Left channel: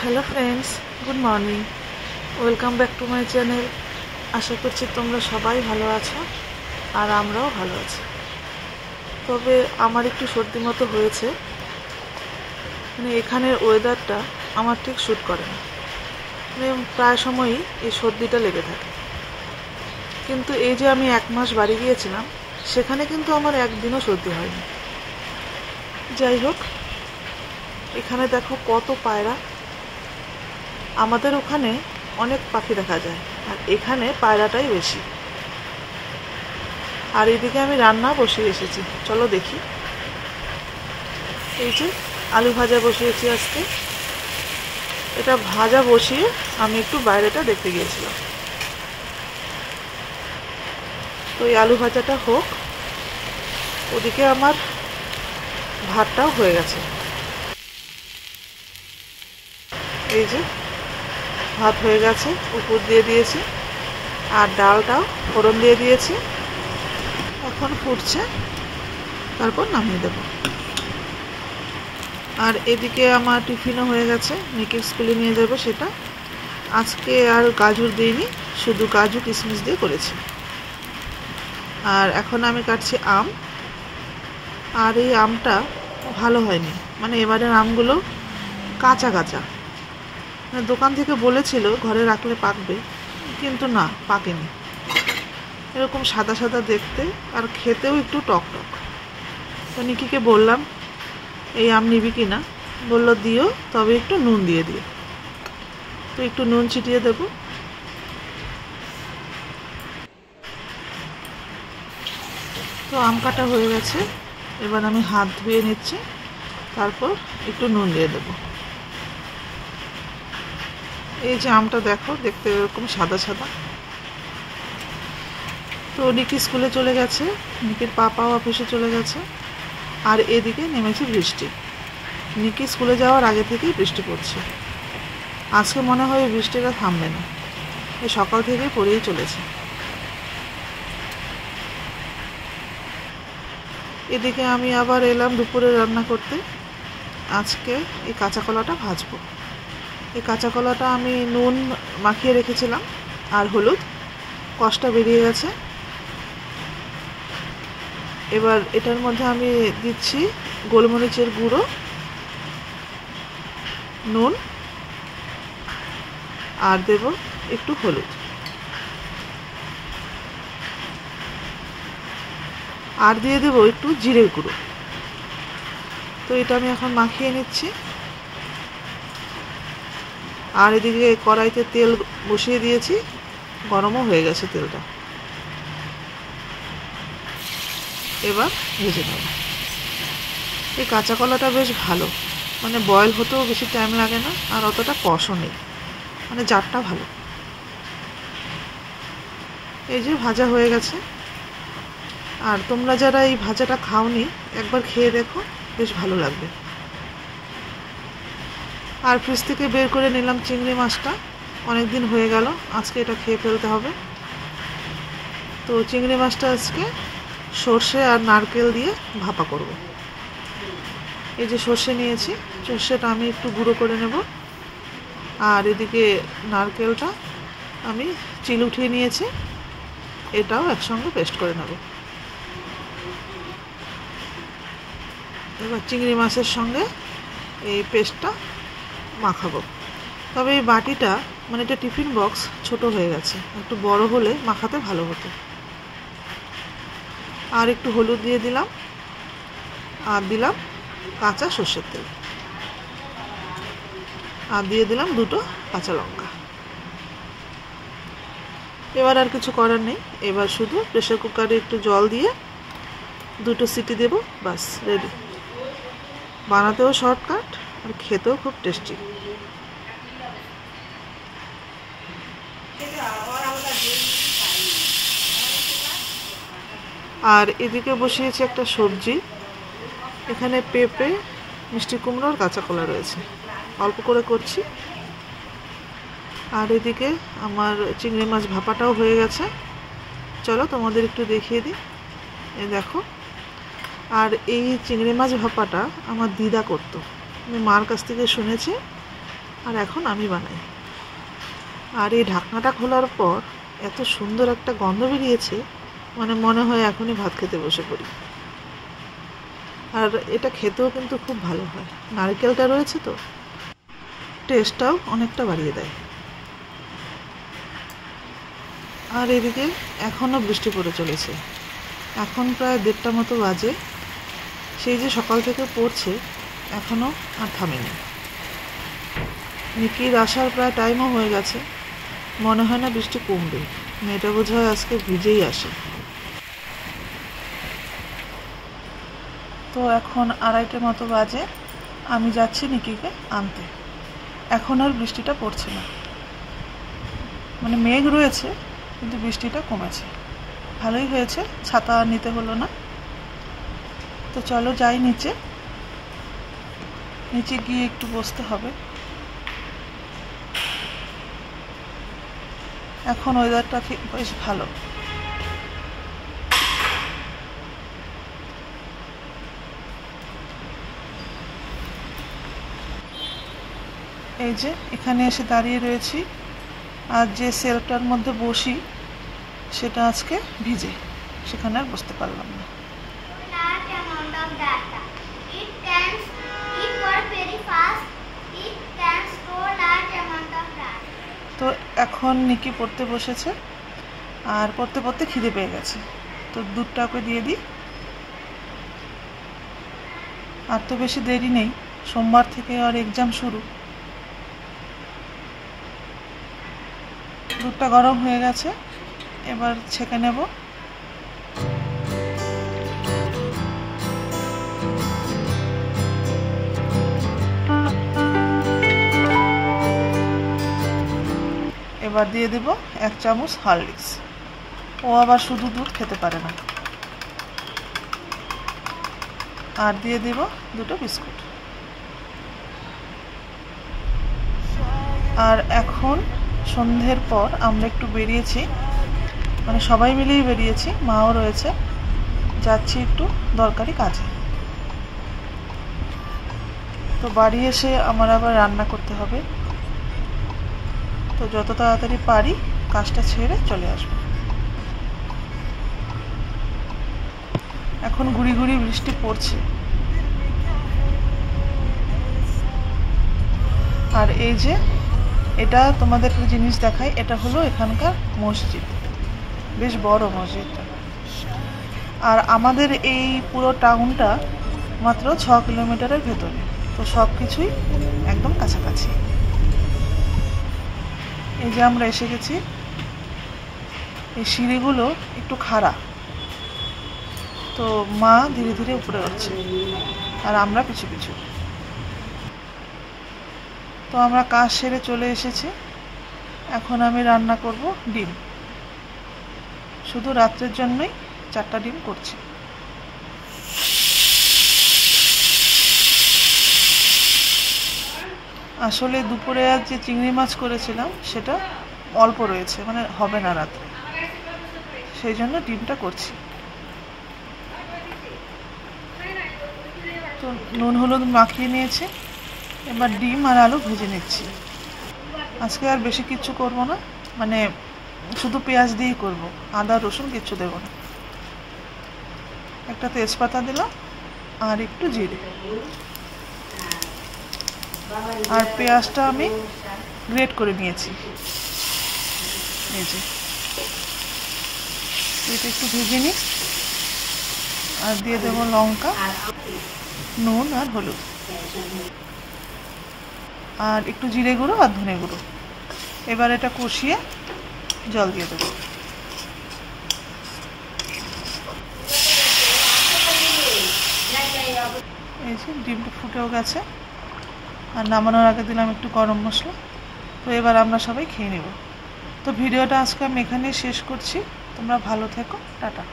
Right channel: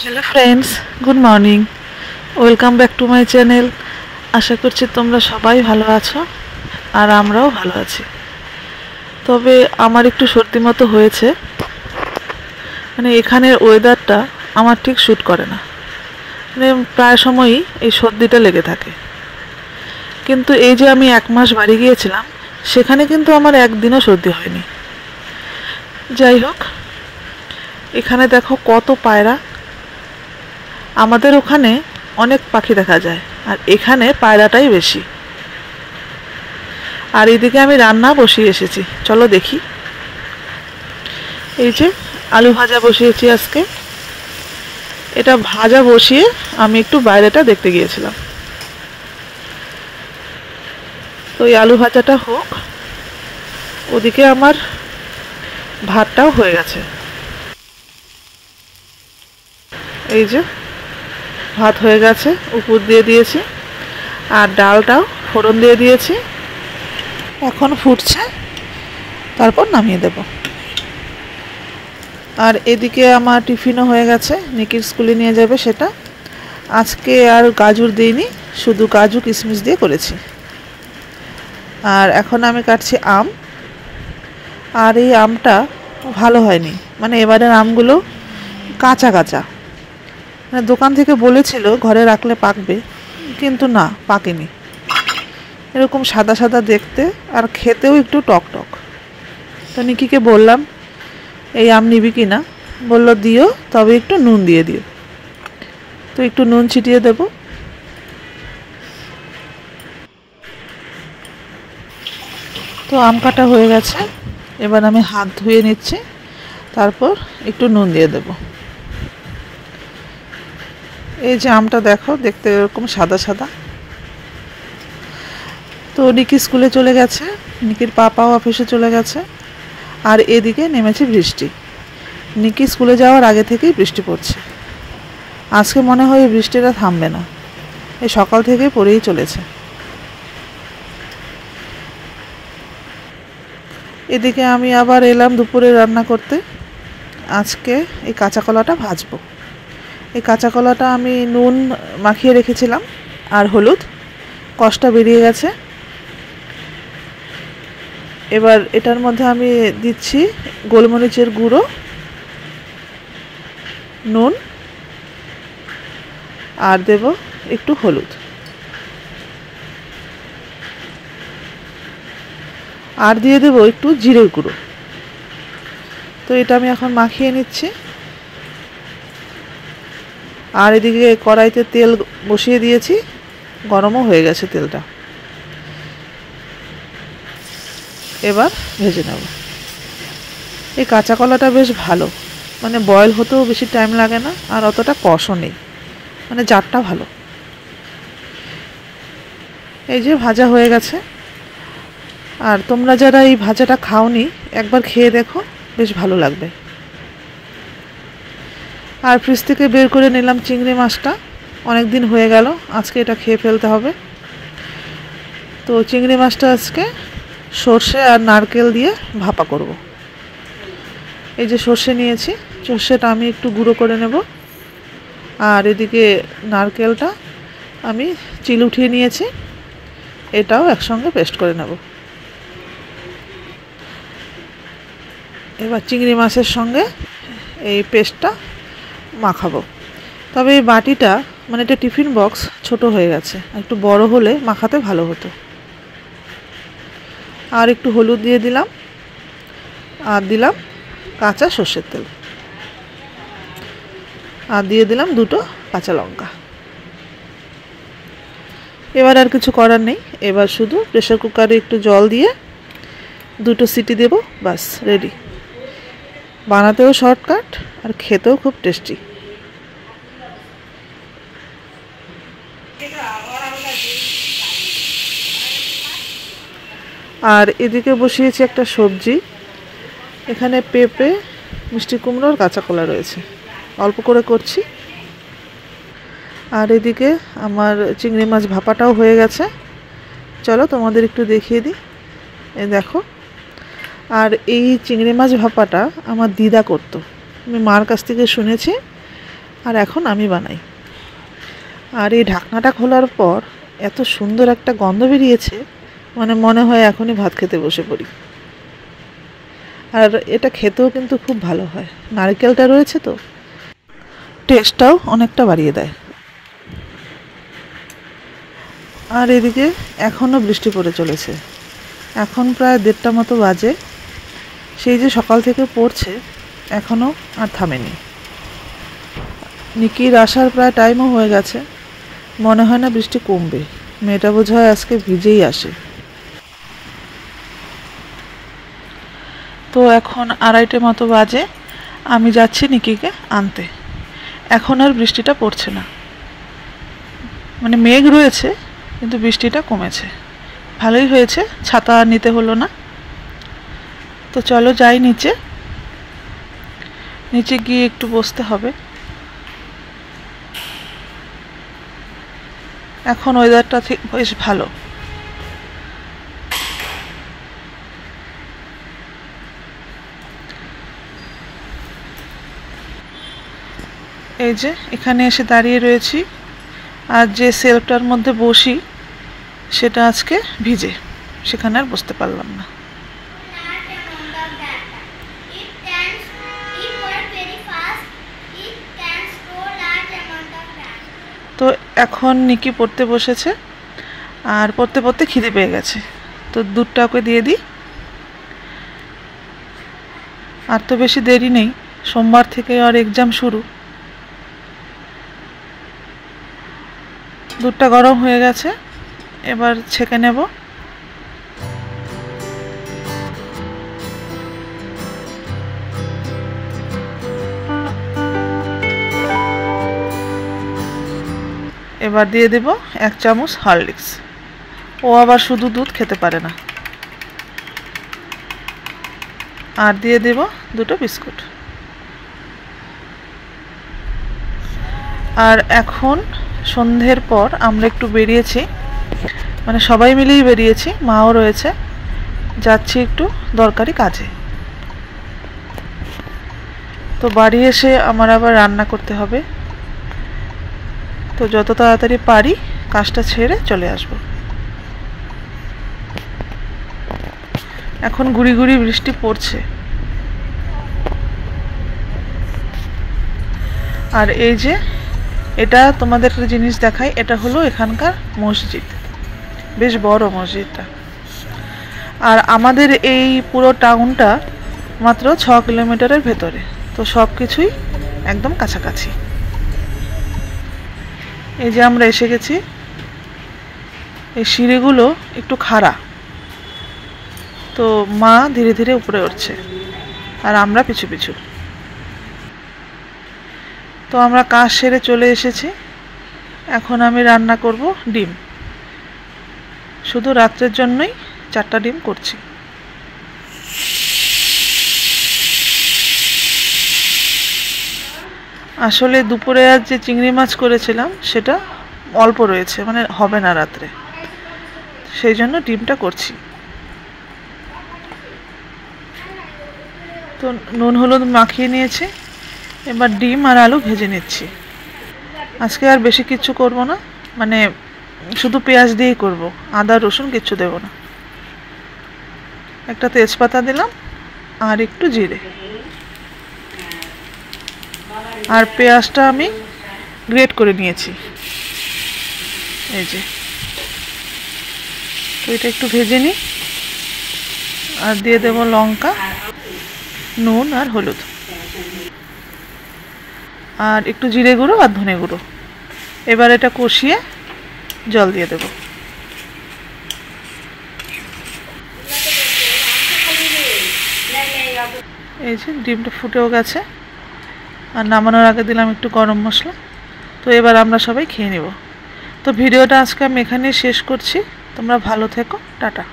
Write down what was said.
Hello friends, good morning. Welcome back to my channel. আশা করছি তোমরা সবাই ভালো আছো আর আমরাও ভালো আছি। তবে আমার একটু সর্দি মতো হয়েছে, মানে এখানের ওয়েদারটা আমার ঠিক শ্যুট করে না। মানে প্রায় সময়ই এই সর্দিটা লেগে থাকে। কিন্তু এই যে আমি 1 মাস বাড়ি গিয়েছিলাম, সেখানে কিন্তু আমার একদিনও সর্দি হয়নি। যাই হোক, এখানে দেখো কত পায়রা। আমাদের ওখানে অনেক পাখি দেখা যায়, আর এখানে পায়রাটাই বেশি। আর এদিকে আমি রান্না বসিয়ে এসেছি, চলো দেখি। এই যে আলু ভাজা বসিয়েছি আজকে। এটা ভাজা বসিয়ে আমি একটু বাইরেটা দেখতে গিয়েছিলাম। তো এই আলু ভাজাটা হোক, ওদিকে আমার ভাতটাও হয়ে গেছে। এই যে ভাত হয়ে গেছে, উপর দিয়ে দিয়েছি, আর ডালটাও ফোড়ন দিয়ে দিয়েছি। এখন ফুটছে, তারপর নামিয়ে দেব। আর এদিকে আমার টিফিনও হয়ে গেছে, নিকির স্কুলে নিয়ে যাবে সেটা। আজকে আর গাজর দিইনি, শুধু কাজু কিশমিশ দিয়ে করেছি। আর এখন আমি কাটছি আম। আর এই আমটা ভালো হয়নি, মানে এবারের আমগুলো কাঁচা কাঁচা। মানে দোকান থেকে বলেছিল ঘরে রাখলে পাকবে, কিন্তু না, পাকেনি। এরকম সাদা সাদা দেখতে, আর খেতেও একটু টক টক। তো নিকিকে বললাম এই আম নিবি কি না, বললো দিও, তবে একটু নুন দিয়ে দিও। তো একটু নুন ছিটিয়ে দেব। তো আম কাটা হয়ে গেছে, এবার আমি হাত ধুয়ে নিচ্ছি, তারপর একটু নুন দিয়ে দেব। এই যে আমটা দেখো, দেখতে এরকম সাদা সাদা। তো নিকি স্কুলে চলে গেছে, নিকির পাপাও অফিসে চলে গেছে। আর এদিকে নেমেছে বৃষ্টি। নিকি স্কুলে যাওয়ার আগে থেকেই বৃষ্টি পড়ছে। আজকে মনে হয় বৃষ্টিটা থামবে না, এই সকাল থেকেই পড়েই চলেছে। এদিকে আমি আবার এলাম দুপুরে রান্না করতে। আজকে এই কাঁচা কলাটা ভাজবো। এই কাঁচা কলাটা আমি নুন মাখিয়ে রেখেছিলাম আর হলুদ, কষটা বেরিয়ে গেছে। এবার এটার মধ্যে আমি দিচ্ছি গোলমরিচের গুঁড়ো, নুন, আর দেব একটু হলুদ, আর দিয়ে দেবো একটু জিরের গুঁড়ো। তো এটা আমি এখন মাখিয়ে নিচ্ছি। আর এদিকে কড়াইতে তেল বসিয়ে দিয়েছি, গরমও হয়ে গেছে তেলটা। এবার ভেজে নেব। এই কাঁচা কলাটা বেশ ভালো, মানে বয়েল হতেও বেশি টাইম লাগে না, আর অতটা কষও নেই, মানে জারটা ভালো। এই যে ভাজা হয়ে গেছে। আর তোমরা যারা এই ভাজাটা খাওনি, একবার খেয়ে দেখো, বেশ ভালো লাগবে। আর ফ্রিজ থেকে বের করে নিলাম চিংড়ি মাছটা, অনেক দিন হয়ে গেল, আজকে এটা খেয়ে ফেলতে হবে। তো চিংড়ি মাছটা আজকে সর্ষে আর নারকেল দিয়ে ভাপা করব। এই যে সর্ষে নিয়েছি, সর্ষেটা আমি একটু গুঁড়ো করে নেব। আর এদিকে নারকেলটা আমি চিল উঠিয়ে নিয়েছি, এটাও একসঙ্গে পেস্ট করে নেব। এবার চিংড়ি মাছের সঙ্গে এই পেস্টটা মাখাবো। তবে এই বাটিটা, মানে এটা টিফিন বক্স, ছোট হয়ে গেছে, একটু বড় হলে মাখাতে ভালো হতো। আর একটু হলুদ দিয়ে দিলাম, আর দিলাম কাঁচা সর্ষের তেল, আর দিয়ে দিলাম 2টো কাঁচা লঙ্কা। এবার আর কিছু করার নেই, এবার শুধু প্রেসার কুকারে একটু জল দিয়ে 2টো সিটি দেব, বাস রেডি। বানাতেও শর্টকাট, আর খেতেও খুব টেস্টি। আর এদিকে বসিয়েছি একটা সবজি। এখানে পেঁপে, মিষ্টি কুমড়ো আর কাঁচা কলা রয়েছে, অল্প করে করছি। আর এদিকে আমার চিংড়ি মাছ ভাপাটাও হয়ে গেছে, চলো তোমাদের একটু দেখিয়ে দিই। এই দেখো। আর এই চিংড়ি মাছ ভাপাটা আমার দিদা করতো, আমি মার কাছ থেকে শুনেছি আর এখন আমি বানাই। আর এই ঢাকনাটা খোলার পর এত সুন্দর একটা গন্ধ বেরিয়েছে, মানে মনে হয় এখনই ভাত খেতে বসে পড়ি। আর এটা খেতেও কিন্তু খুব ভালো হয়, নারকেলটা রয়েছে তো, টেস্টটাও অনেকটা বাড়িয়ে দেয়। আর এদিকে এখনও বৃষ্টি পড়ে চলেছে, এখন প্রায় 1:30টা মতো বাজে। সেই যে সকাল থেকে পড়ছে, এখনও আর থামেনি। নিকির আসার প্রায় টাইমও হয়ে গেছে, মনে হয় না বৃষ্টি কমবে। মেয়েটা বোধহয় আজকে ভিজেই আসে। তো এখন 2:30টে মতো বাজে, আমি যাচ্ছি নিকিকে আনতে। এখন আর বৃষ্টিটা পড়ছে না, মানে মেঘ রয়েছে কিন্তু বৃষ্টিটা কমেছে। ভালোই হয়েছে, ছাতা নিতে হলো না। তো চলো যাই নিচে। নিচে গিয়ে একটু বসতে হবে। এখন ওয়েদারটা ঠিক বেশ ভালো। এই যে এখানে এসে দাঁড়িয়ে রয়েছি, আর যে সেলফটার মধ্যে বসি সেটা আজকে ভিজে, সেখানে আর বসতে পারলাম না। তো এখন নিকি পড়তে বসেছে, আর পড়তে পড়তে খিদে পেয়ে গেছে, তো দুধটা ওকে দিয়ে দিই। আর তো বেশি দেরি নেই, সোমবার থেকে আর এক্সাম শুরু। দুধটা গরম হয়ে গেছে, এবার ছেঁকে নেব। এবার দিয়ে দেব 1 চামচ হরলিক্স। ও আবার শুধু দুধ খেতে পারে না। আর দিয়ে দেব 2টো বিস্কুট। আর এখন সন্ধ্যের পর আমরা একটু বেরিয়েছি, মানে সবাই মিলেই বেরিয়েছি, মাও রয়েছে। যাচ্ছি একটু দরকারি কাজে। তো বাড়ি এসে আমার আবার রান্না করতে হবে, তো যত তাড়াতাড়ি পারি কাজটা ছেড়ে চলে আসব। এখন গুড়ি গুড়ি বৃষ্টি পড়ছে। আর এই যে এটা তোমাদের একটা জিনিস দেখাই, এটা হলো এখানকার মসজিদ, বেশ বড় মসজিদটা। আর আমাদের এই পুরো টাউনটা মাত্র 6 কিলোমিটারের ভেতরে, তো সব কিছুই একদম কাছাকাছি। এই যে আমরা এসে গেছি। এই সিঁড়িগুলো একটু খাড়া, তো মা ধীরে ধীরে উপরে উঠছে আর আমরা পিছু পিছু। তো আমরা কাজ সেরে চলে এসেছি। এখন আমি রান্না করব ডিম, শুধু রাত্রের জন্যই 4টা ডিম করছি। আসলে দুপুরে আজ যে চিংড়ি মাছ করেছিলাম সেটা অল্প রয়েছে, মানে হবে না রাত্রে, সেই জন্য ডিমটা করছি। তো নুন হলুদ মাখিয়ে নিয়েছি, এবার ডিম আর আলু ভেজে নিচ্ছি। আজকে আর বেশি কিছু করব না, মানে শুধু পেঁয়াজ দিয়েই করব, আদা রসুন কিচ্ছু দেব না। একটা তেজপাতা দিলাম আর একটু জিরে। আর পেঁয়াজটা আমি গ্রেট করে নিয়েছি, এই যে। তো এটা একটু ভেজে নিই, আর দিয়ে দেব লঙ্কা, নুন আর হলুদ, আর একটু জিরে গুঁড়ো আর ধনে গুঁড়ো। এবার এটা কষিয়ে জল দিয়ে দেব। এই যে ডিমটা ফুটেও গেছে, আর নামানোর আগে দিলাম একটু গরম মশলা। তো এবার আমরা সবাই খেয়ে নেব। তো ভিডিওটা আজকে আমি এখানেই শেষ করছি। তোমরা ভালো থেকো, টাটা।